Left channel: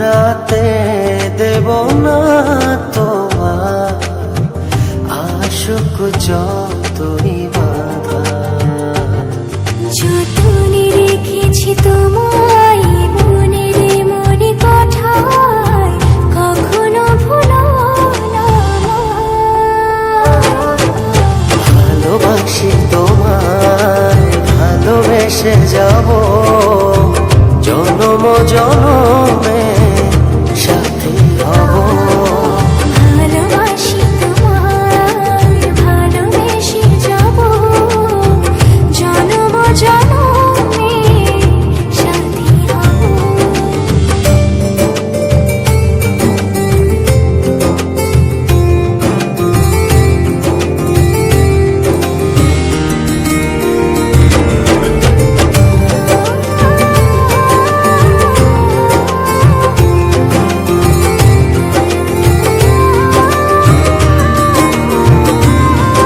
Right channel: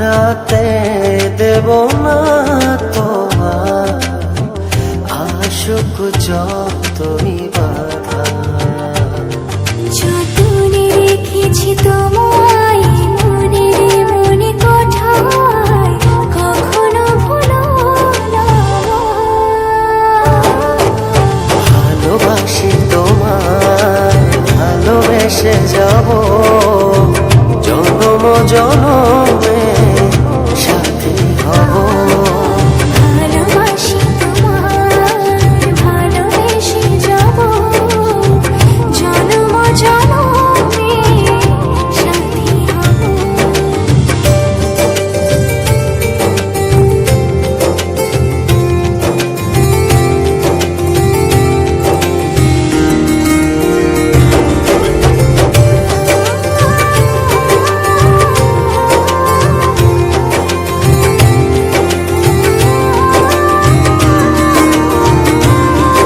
হারাতে দেব না তোমার আশুক যতই বাধা। যতনে রেখেছি তোমায় মনের মনে কোঠায়, কখনো ভুলো না আমায়। ভালোবাসি তোমায়, ভালোবেসে যাব জনম জনমে সাথী হব।